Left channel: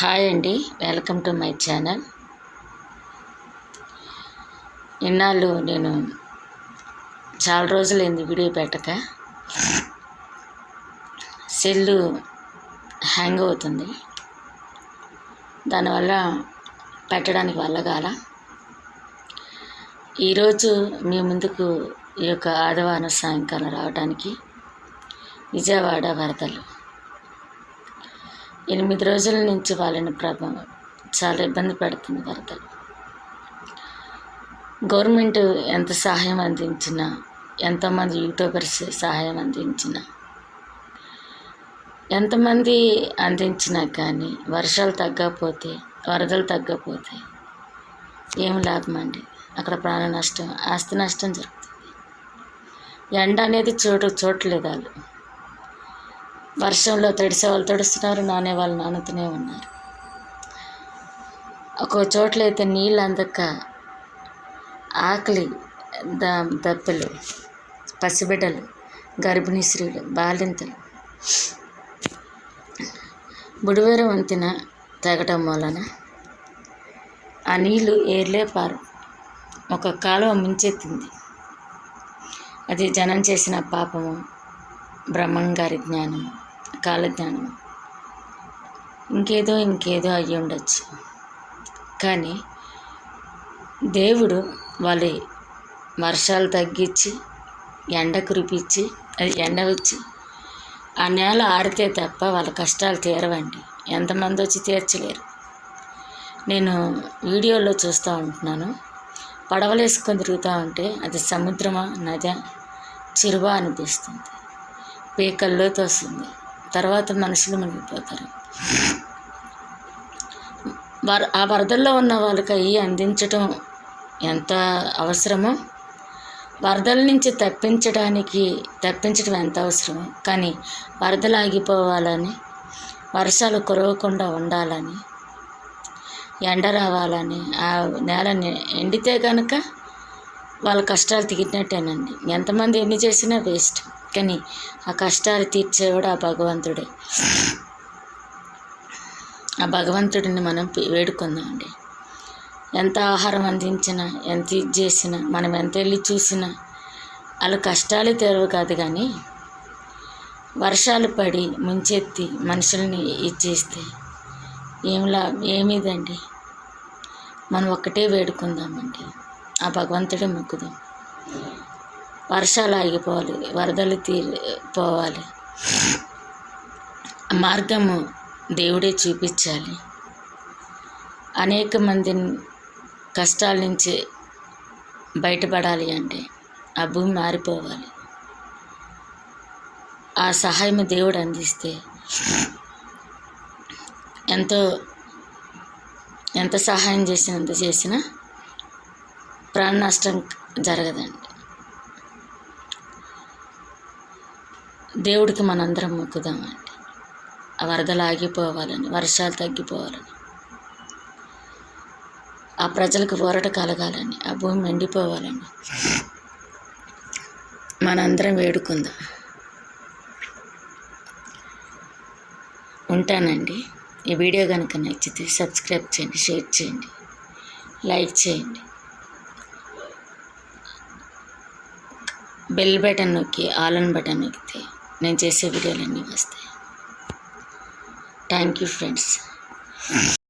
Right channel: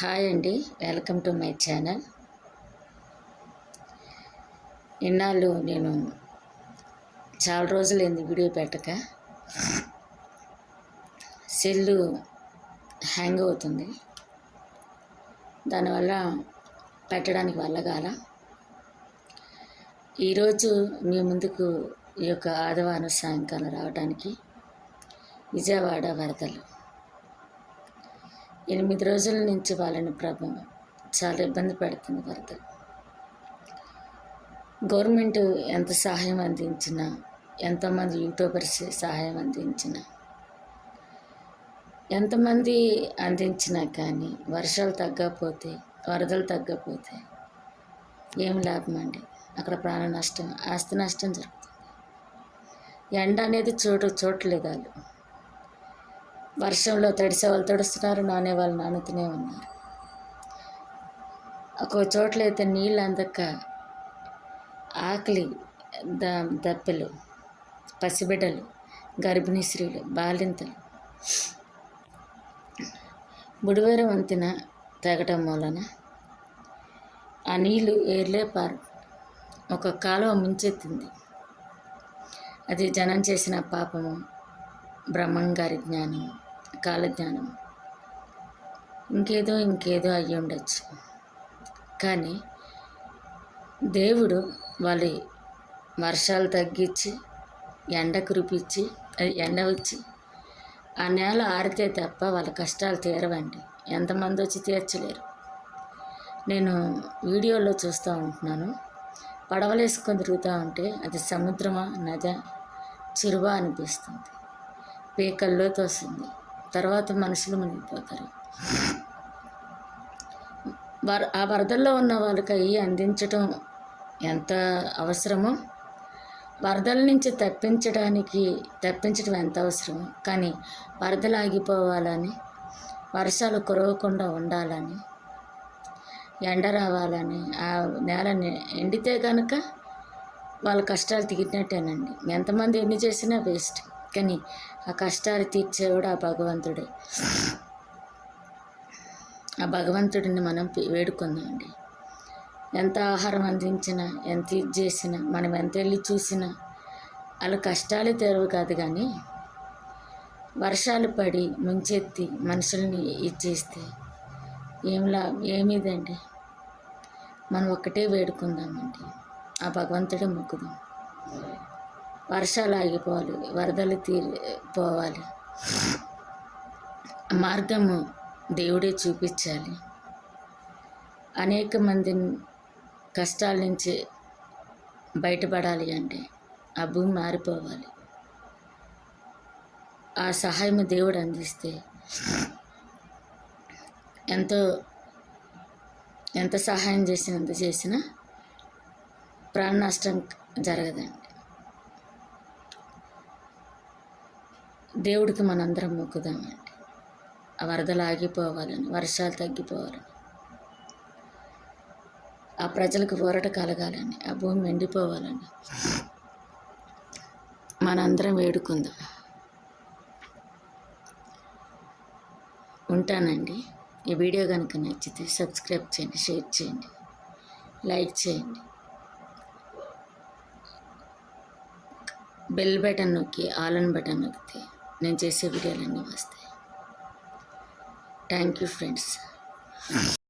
Hi అండి, welcome to my channel. ఇన్నాళ్ళు నేను చాలా రోజులైంది వీడియో పెట్టక. సెల్లు హ్యాంగ్ అవుతుంది, దానివల్ల పెట్టడానికి వల్ల కాల. ఈరోజు మీ ముందుకు ఈ యొక్క ఆదివారం సాయంకాలం రావడానికి విజయవాడ వరదలు 8 రోజుల నుంచి వాళ్ళని ప్రభావం చాలా ఇబ్బంది పెడుతుంది వరదలు. గవర్నమెంట్ ఎంత సహాయం అందించినా, ఎంతోమంది యూట్యూబర్స్ సహాయం అందించినా, ఎంతమంది అందించినా కానీ వర్షాలు తగ్గకపోతే, వరదలు తగ్గకపోతే ఏం లాభం అండి? అక్కడ ప్రాణ నష్టం, ఆస్తి నష్టం జరుగుతుంది. ఎండ అనేది చూడలేదు వాళ్ళు. వర్షంలో తడిసే వాళ్ళు తడుస్తున్నారు, నానే వాళ్ళు నానుతూనే ఉన్నారు. ఒక్కో చోట్లయితే నీళ్ళు అందక ఆకలి దప్పులు, పసిబిడ్డలు, గర్భిణీ స్త్రీలు, బాలింతలు బుడివేరు వంతెన తెగటం వలన ఆ నీళ్ళు ఏర్లే పారు ఒక కాలువ ముంచెత్తింది. అది జనం చేసిన పాపము, బ్రహ్మంగారి జ్ఞానము, కాలజ్ఞానం, ఇంకేదో అయ్యి ఉండొచ్చు. కానీ దేవుడు వాళ్ళ వర్షాలు తగ్గించి ఎండ కురిపించి, అది ఎండ వచ్చి ఆ నేల ఆడితే తప్ప వాళ్ళ కష్టాలు తీరవండి. ఎంతమంది వచ్చి తీర్చలేరు. నేను వీడియోలో చూస్తూ ఉంటున్నాను, పడవలు వేసుకొని తిరుగుతూ ఉంటే అది సముద్రమా నది చెరువా అనిపిస్తుంది. పీకల్లోకి వస్తుంది. తర్వాత మనుషులు మునిగిపోతారు. ఆ వరదల్లో ఉన్న వాళ్ళకి అవి అందించడం ఎంత అవసరమో, వరదల నుంచి తప్పించడం ఎంత అవసరమో. కానీ వరదలు ఆగిపోవాలని, వర్షాలు కురవకుండా ఉండాలని, ఎండ రావాలని, ఆ నేలని ఎండితే కనుక వాళ్ళ కష్టాలు తీరినట్టేనండి. ఎంతమంది ఎన్ని చేసినా వేస్ట్. కానీ ఆ కష్టాలు తీర్చేవాడు ఆ భగవంతుడే. ఆ భగవంతుడిని మనం వేడుకుందామండి. ఎంత ఆహారం అందించినా, ఎంత ఇది చేసినా, మనం ఎంత వెళ్ళి చూసినా వాళ్ళ కష్టాలు తీరవు కాదు. కానీ వర్షాలు పడి ముంచెత్తి మనుషుల్ని ఇచ్చేస్తే ఏమిదండి? మనం ఒక్కటే వేడుకుందామండి, ఆ భగవంతుడే మొక్కుదాం. వర్షాలు ఆగిపోవాలి, వరదలు పోవాలి. మార్గము దేవుడే చూపించాలి. అనేక మందిని కష్టాల నుంచి బయటపడాలి అంటే ఆ భూమి మారిపోవాలి. ఆ సహాయం దేవుడు అందిస్తే ఎంత సహాయం చేసినా ప్రాణ నష్టం జరగదండి. దేవుడికి మనందరం మొక్కుదామండి. ఆ వరదలు ఆగిపోవాలని, వర్షాలు తగ్గిపోవాలని, ఆ ప్రజలకు ఊరట కలగాలని, ఆ భూమి ఎండిపోవాలని మనందరం వేడుకుందాం. ఉంటానండి. ఈ వీడియో కనుక నచ్చితే సబ్స్క్రైబ్ చేయండి, షేర్ చేయండి, లైక్ చేయండి. బెల్ బటన్ నొక్కి ఆల్ బటన్ నొక్కితే నేను చేసే వీడియోలన్నీ వస్తాయి. Thank you friends.